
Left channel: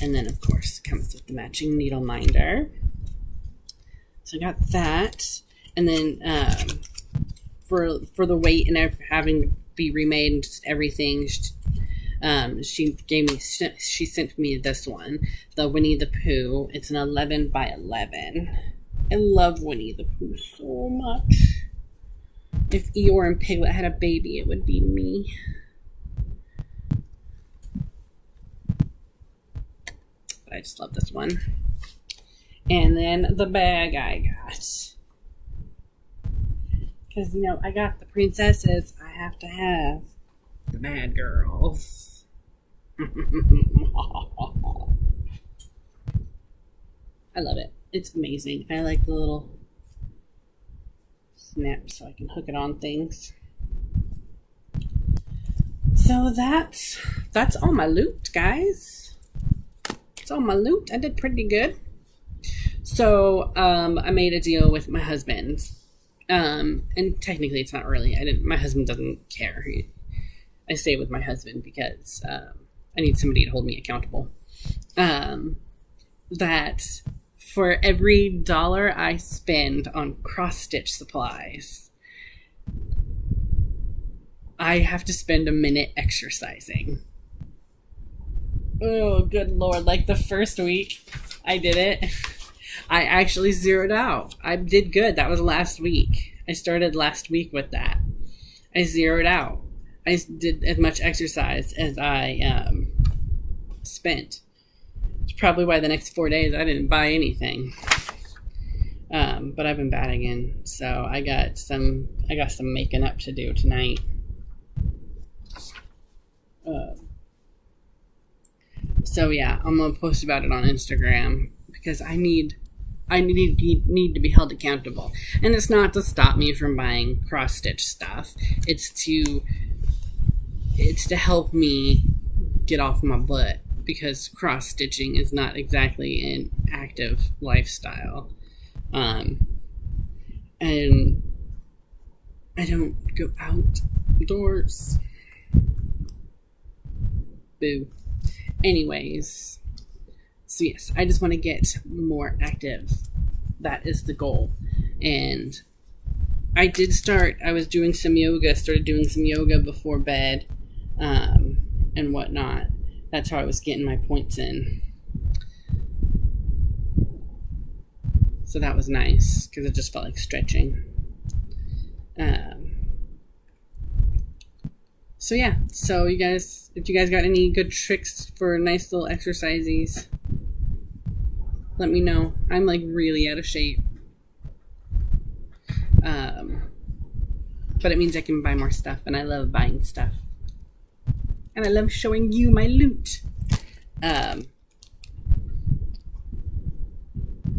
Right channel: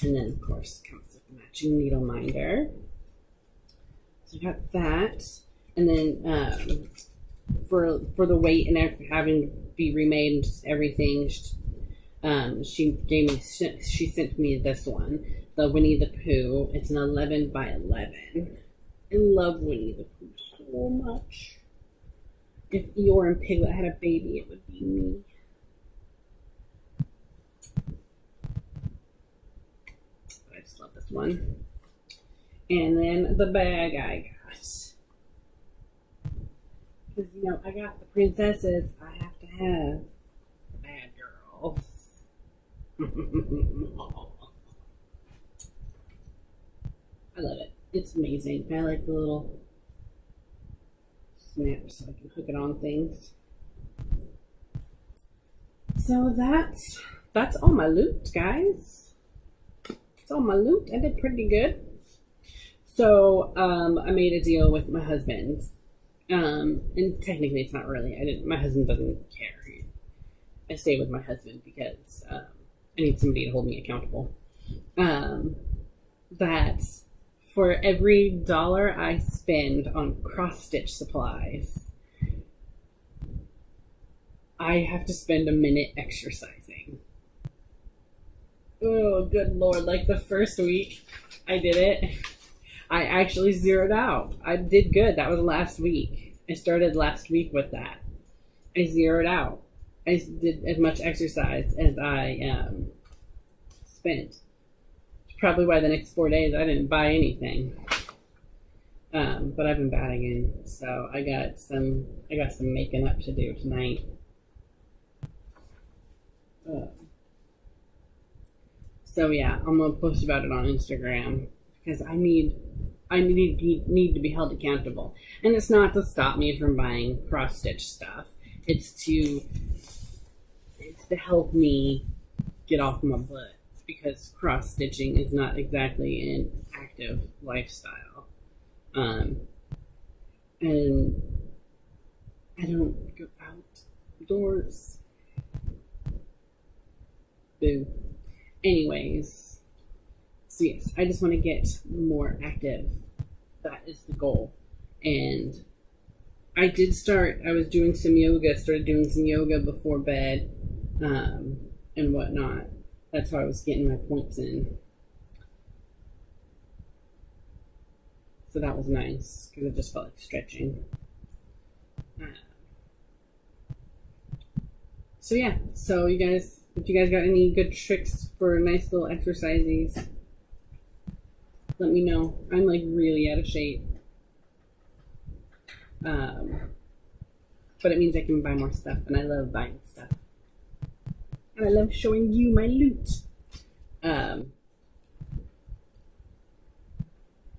and then of course it comes with the matching needle minder. So I got that, and then for the weight and having to be remade and just everything, she sent me this one, the Winnie the Pooh. It's an 11x11. I love Winnie the Pooh so much. If Eeyore and Piglet had a baby, it would be me. But I just love this one. And then the bag I got. Because, you know, I got the princesses. I have to have the bad girls. I love it. It's amazing. I like the little snap so I can hook it on things. So that's all my loot, guys. That's all my loot. I did pretty good. So I made a deal with my husband. And technically it's not really, my husband doesn't care. I stay with my husband because I need somebody to hold me accountable. That for every dollar I spend on cross-stitch supplies, I have to spend a minute exercising. Oh, good Lord. Like the first week I did it, I actually zeroed out. I did good. That was last week. I started last week with that. I zeroed out. I did as much exercise as I spent. It's probably why the next 4 days I didn't buy anything. But I've been bad again, so I got some making up to do tonight. So yeah, I'm gonna post about it on Instagram because I need to be held accountable, and it's not to stop me from buying cross stitch stuff. It's to help me get off my butt, because cross stitching is not exactly an active lifestyle, and I don't go outdoors. Boo. Anyways, so yes, I just want to get more active. That is the goal. And I was doing some yoga, started doing some yoga before bed, and whatnot. That's how I was getting my points in. So that was nice, because it just felt like stretching. So yeah, so you guys, if you guys got any good tricks for nice little exercises, let me know. I'm like really out of shape. But it means I can buy more stuff, and I love buying stuff. And I love showing you my loot.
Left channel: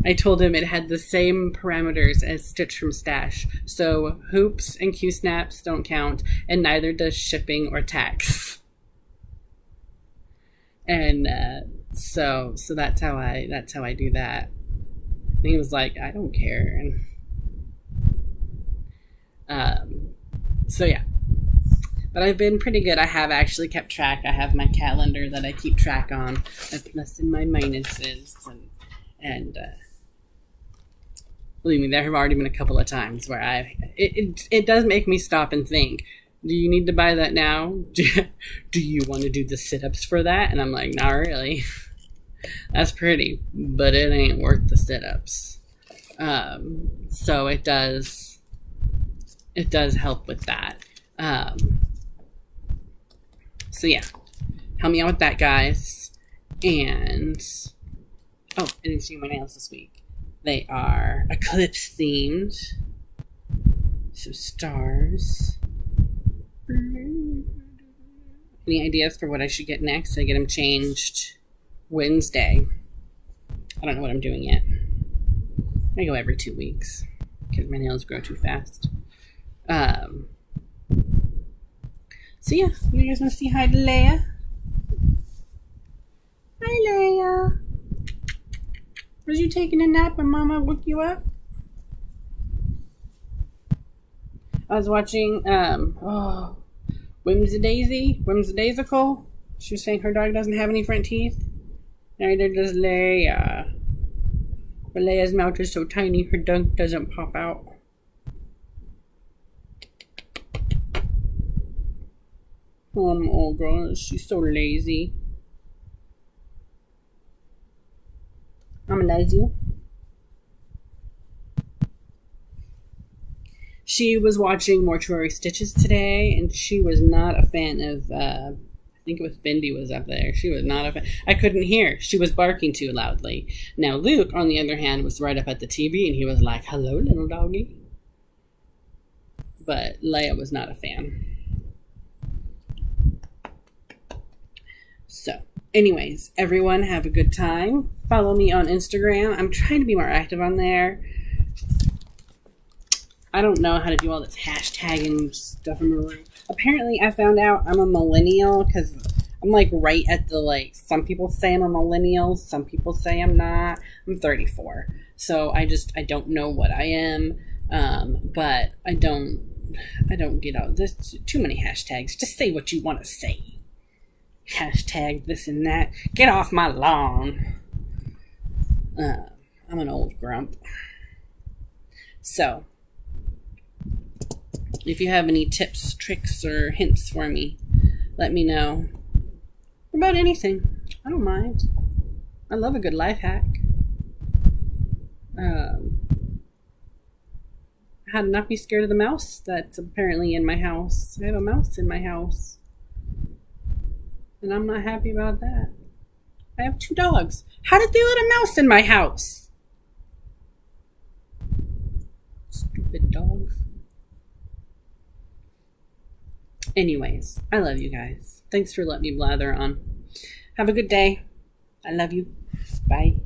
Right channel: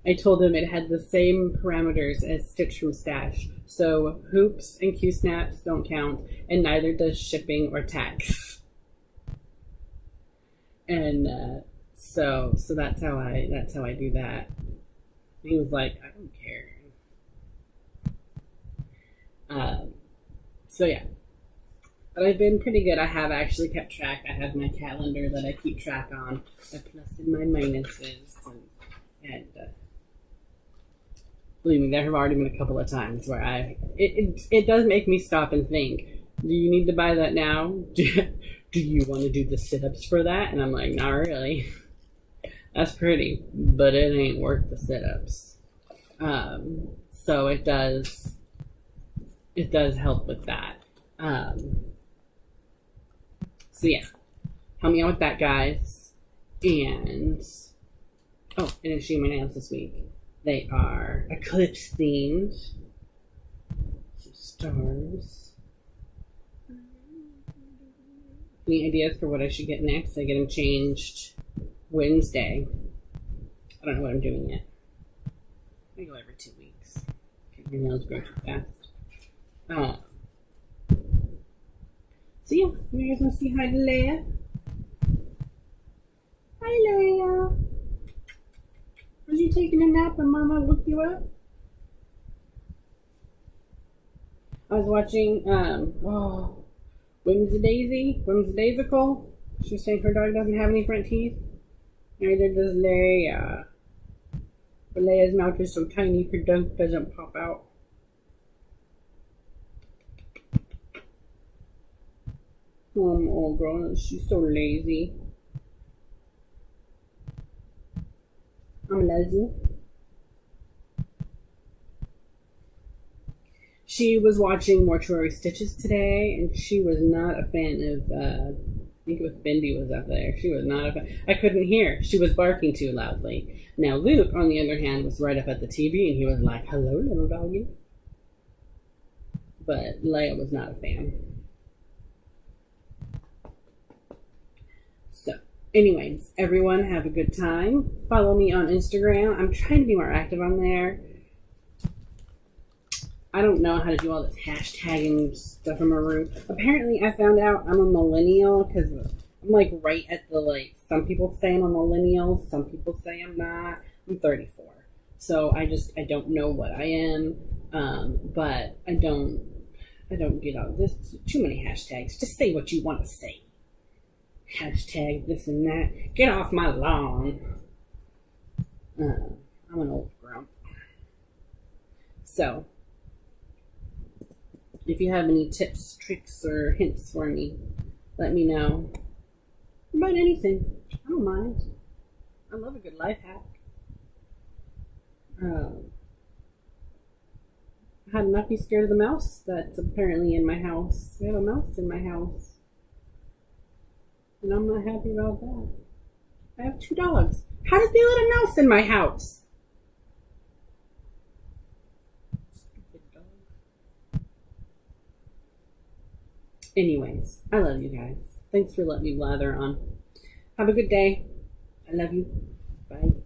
I told him it had the same parameters as Stitch from Stash. So hoops and Q-snaps don't count, and neither does shipping or tax. And so that's how I do that. And he was like, I don't care. And so yeah. But I've been pretty good. I have actually kept track. I have my calendar that I keep track on, my plus and my minuses, and believe me, there have already been a couple of times where it does make me stop and think, do you need to buy that now? Do you want to do the sit-ups for that? And I'm like, not really. That's pretty, but it ain't worth the sit-ups. So it does help with that. So yeah, help me out with that, guys. And I didn't show you my nails this week. They are eclipse themed. Some stars. Any ideas for what I should get next? I get them changed Wednesday. I don't know what I'm doing yet. I go every 2 weeks because my nails grow too fast. So yeah, you guys want to say hi to Leia? Hi, Leia. Was you taking a nap when Mama woke you up? I was watching Whimsidaisical. She was saying her dog doesn't have any front teeth. Neither does Leia. But Leia's mouth is so tiny her dog doesn't pop out. Oh girl, she's so lazy. I'm lazy. She was watching Mortuary Stitches today, and she was not a fan of, I think it was Bindi was up there. She was not a fan. I couldn't hear. She was barking too loudly. Now, Luke, on the other hand, was right up at the TV, and he was like, hello, little doggy. But Leia was not a fan. So, anyways, everyone have a good time. Follow me on Instagram. I'm trying to be more active on there. I don't know how to do all this hashtagging stuff in my room. Apparently, I found out I'm a millennial because I'm like right at the like. Some people say I'm a millennial. Some people say I'm not. I'm 34, so I don't know what I am. But I don't get out. There's too many hashtags. Just say what you want to say. Hashtag this and that. Get off my lawn. I'm an old grump. So, if you have any tips, tricks, or hints for me, let me know. About anything. I don't mind. I love a good life hack. How to not be scared of the mouse that's apparently in my house. I have a mouse in my house. And I'm not happy about that. I have 2 dogs. How did they let a mouse in my house? Stupid dogs. Anyways, I love you guys. Thanks for letting me blather on. Have a good day. I love you. Bye.